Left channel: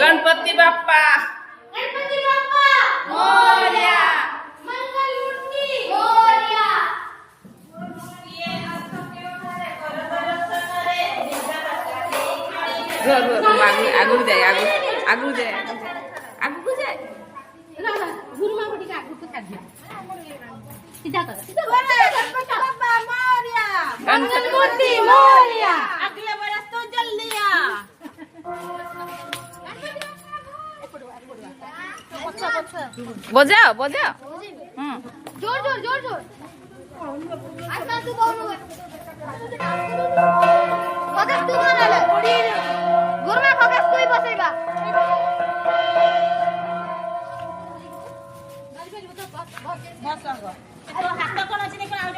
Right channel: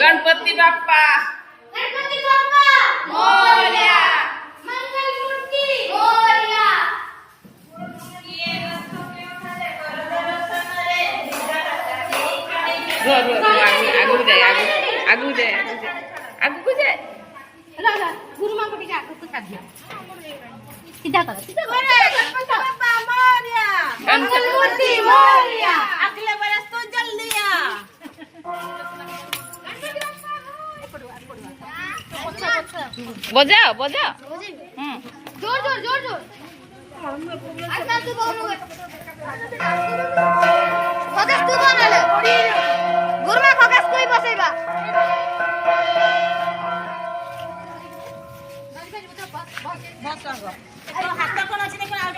गणपति बाप्पा मोरया। मंगल मूर्ति मोरया। आगु जाए आगु जाए गुरु मां को टिके आगु कर दिया सीधा कर मंगल मूर्ति मोरया। अगले बरस तो जल्दी आ बजाओ बजाओ। जोर जोर जोर जोर आता तू बगलू फोकस तू बनाले गुरमा फोकस कोई बसेगा बस कर अरे हाथ कोन अछि देखो आउट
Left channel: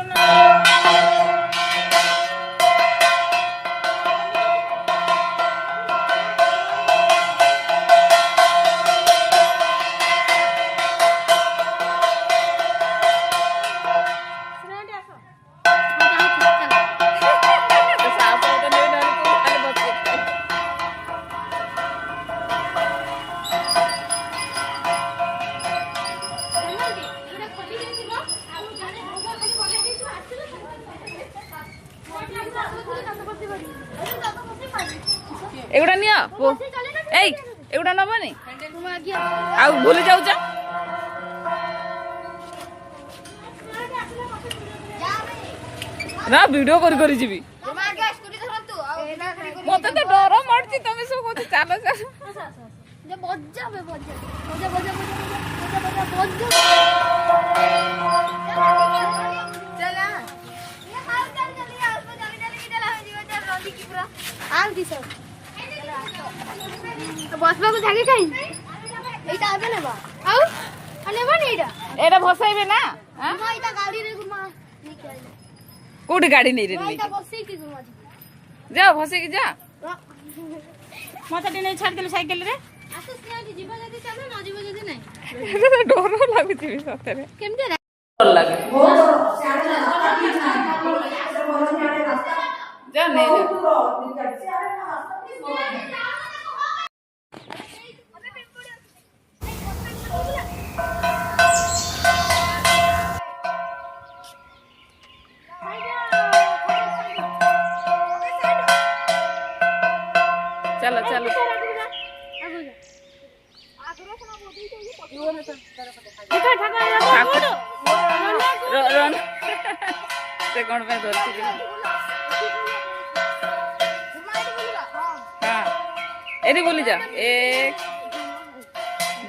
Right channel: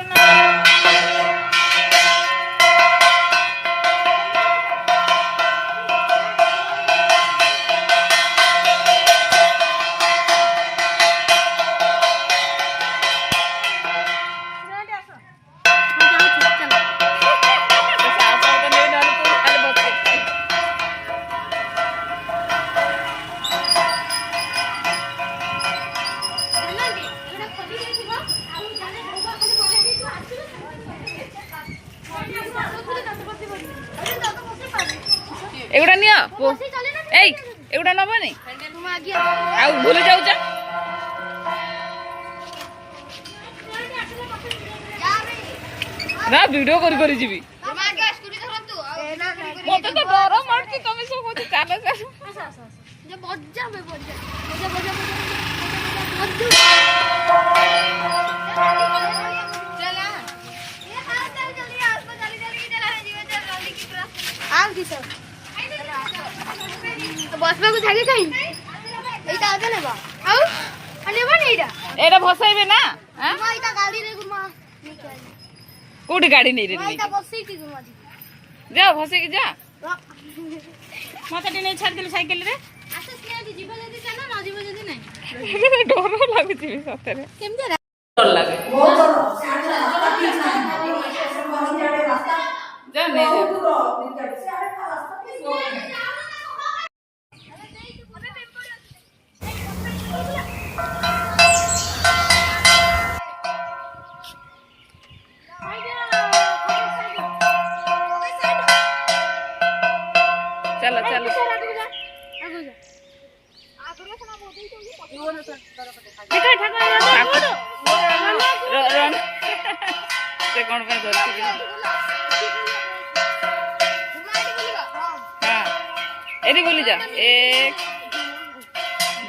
एगुड़ा नियो एई एगुड़ा नबनी आ भूली जाउछ ना वीडियो करी जीवी मते तो डर मारती तमे सब कोती चालो चालो जे बज्जा बे बज्जा आउ दी सब बस में को जागे काई एटा आगे लेबा आउ अनेबा ने एटा भसाइबे ना हां मां एटा गाड़ी रे गुमा कोडी गाड़ी नहीं रे एटा बसई थी गुमा जा भसे की जा मते दिने छाड़ देले साइकिल रे आसे सियादी जीव जदी चला ना जीव जदी नहीं डर लागुची सतरे केमते डर लागे जा नहीं जा चलो चलो से कौन पे धरती हाँ एरी बोली जा 1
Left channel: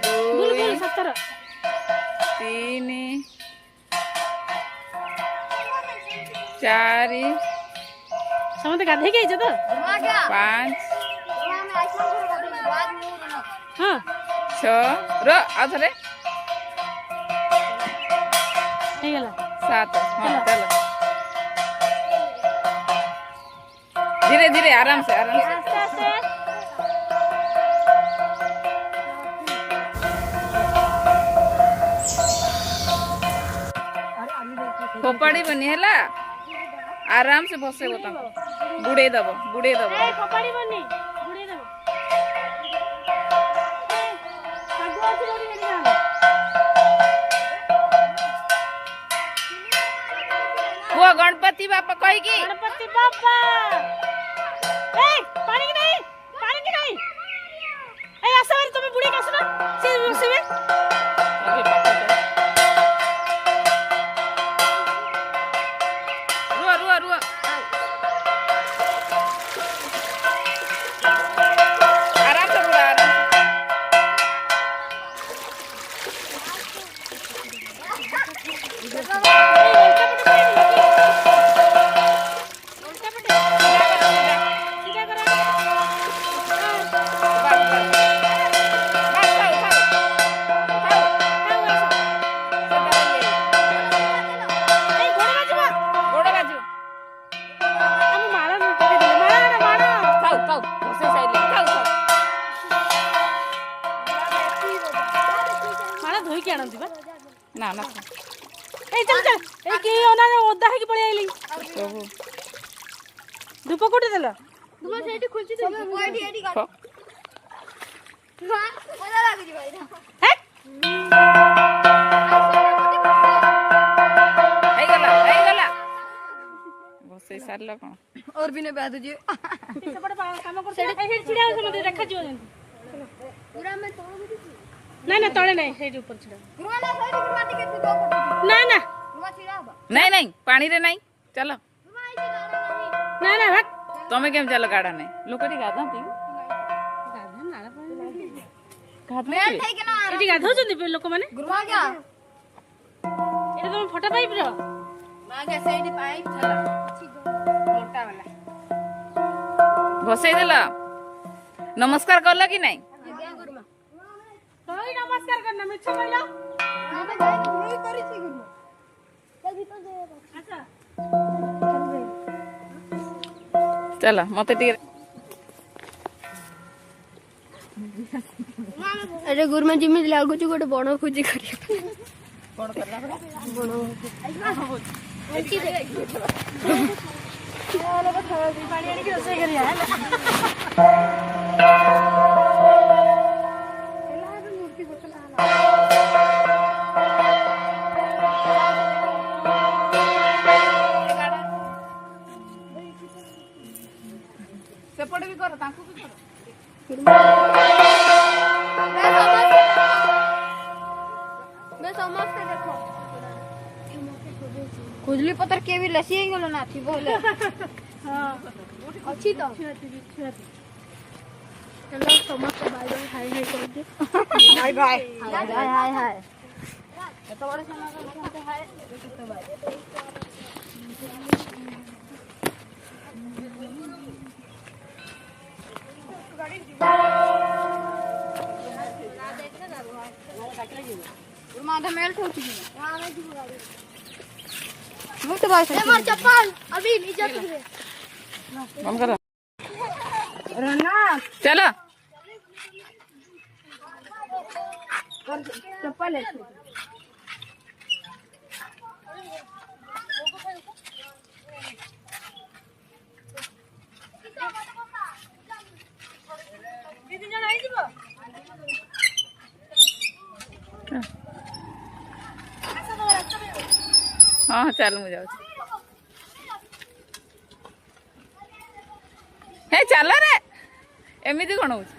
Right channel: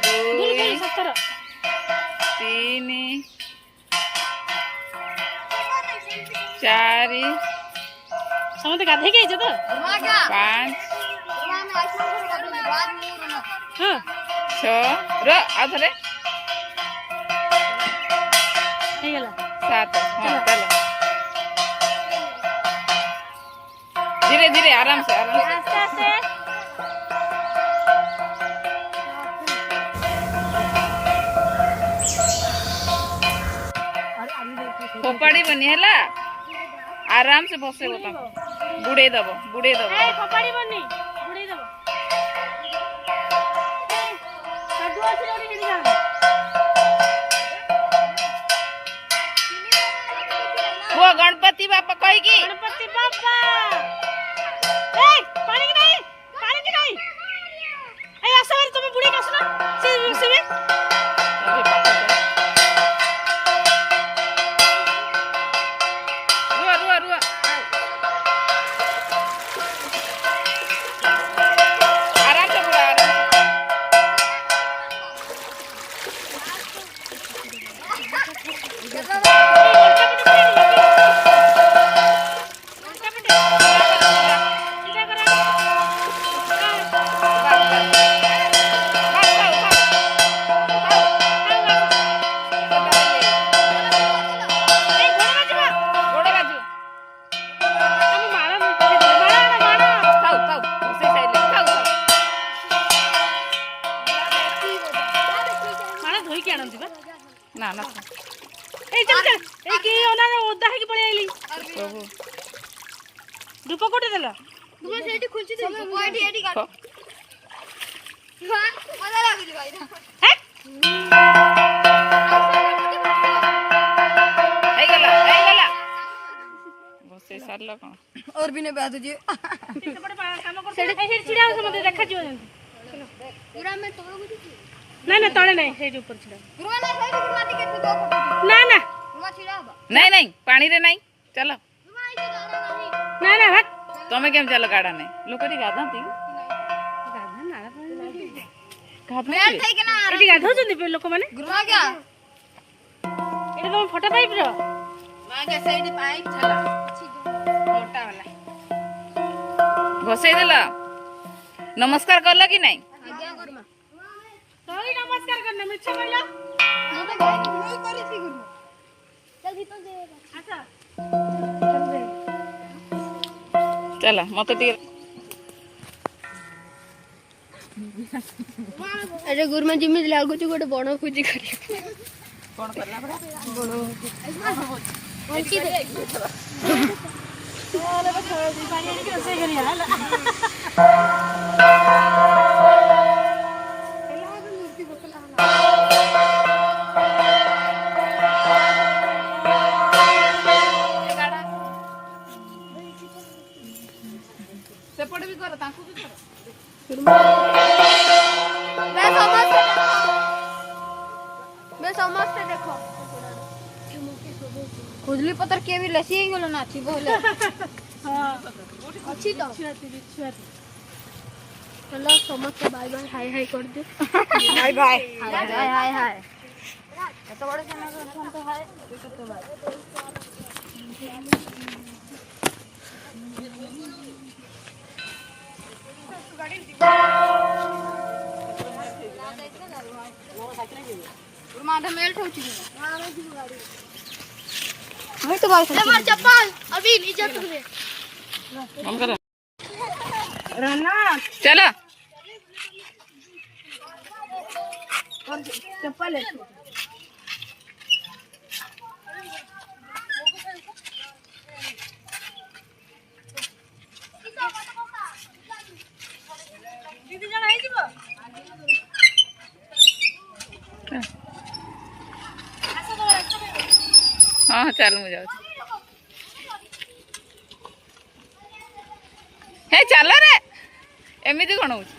2 3 4 समते गाधे के तो 5 6 रो आधरे 7 हाँ चलो धीरे धीरे आराम से फोपाड़ी बनी है आराम से बसे बता बुड़े दबो फोपाड़ी बनी बुड़े दबो साधु अछि रे एरिया वो गणपति बापा कही की गणपति बापा ए पानी की नहीं ए आसवारी तुम बुढ़े का सुना से बसिबे रुआ आराम से बुढ़ा आराम ना ना ए चल चल ए के ओना ओदा है कि पळे आइली ओहो धूप कोठी देलो तुम्हें सेठी खुलची दे पॉइंट एडी काट मजा लागली भाई ହେଇଗଲା ବସେଇ ସାରିଲ କଣ और भी ने बैठ तुझे ସେପଟେ କାମ କର ସେଠି ଛିଡା ହୋ ମତେ ଦେଖା ଯିବ पूरा मैं तोड़ गुडी ନା ନା ତଳେ ନାହିଁ ସେଇଠି ଉପରେ ଛିଡା गुरुवा ना साइड गुरुवा टिके तू दो फोटो ନା ନା गुरुवा छिड़ा बा ନାଇଁ ନାଇଁ ପାଣିରେ ନାଇଁ ଚାଲ गुरुवा आई तो जाना नहीं ନା ନା ଭାଟ ତମେ କେମିତି ଚାଲ ଗାଡା ନାଇଁ ଲୋକଟି ଗାଧାନ୍ତି मैं थे के ना ଏଠି ଗାଧଉଛନ୍ତି ଲୋକମାନେ गुरुवा क्या ଏଟା ତମ ଫଟୋ ଟାଇପ ର मां के साइड पाइप चला मोटा वाला ବସେଇ ଦେଲ ନମସ୍କାର କଲ କି ନାଇଁ आज्ञा गुरुमा ତୋଇ ନମସ୍କାର କରନା ମିଛ କହିଲ मैं तो गई नहीं करी थी गुरुमा चल भीतर दे अच्छा ଚାଲ ମତେ ଟିକେ अरे गुरुमा जिम्मी लागु छु गोटे बण खोजी करी କଣ କଲା ପରା उल्टी दे ଓଲେ ତ ପାଣି ଆଣିକି ରୋଷେଇ କରିବା ହେଲା ସେପଟେ ବି କର ତାଙ୍କୁ ବି କର मैं समझते देखो खुजली पत्थर के भी लसी ही गलो ना थी बोले हां अच्छी तो ଛୁଆତି चलो समझते बाय बाय हाय हाय कर दे ବାଇ ବାଇ हाय हाय हाय हाय तो बड़े खाना को तो हाय तो बाय माथा मेल्ट हो चुकी है मैं तो बाइक ले चप्पल अभी नीचे तक दे କଣ କର ରନା ଚାଲ ଚप्ପଲ ଦିଦି ଜଣ ହେଇଯିବ ହଁ ଚାଲ ମୁଁ ଯାଉଛି ହେ ଚାଲ ରେ ଏମିତି କଣ ହଉଛି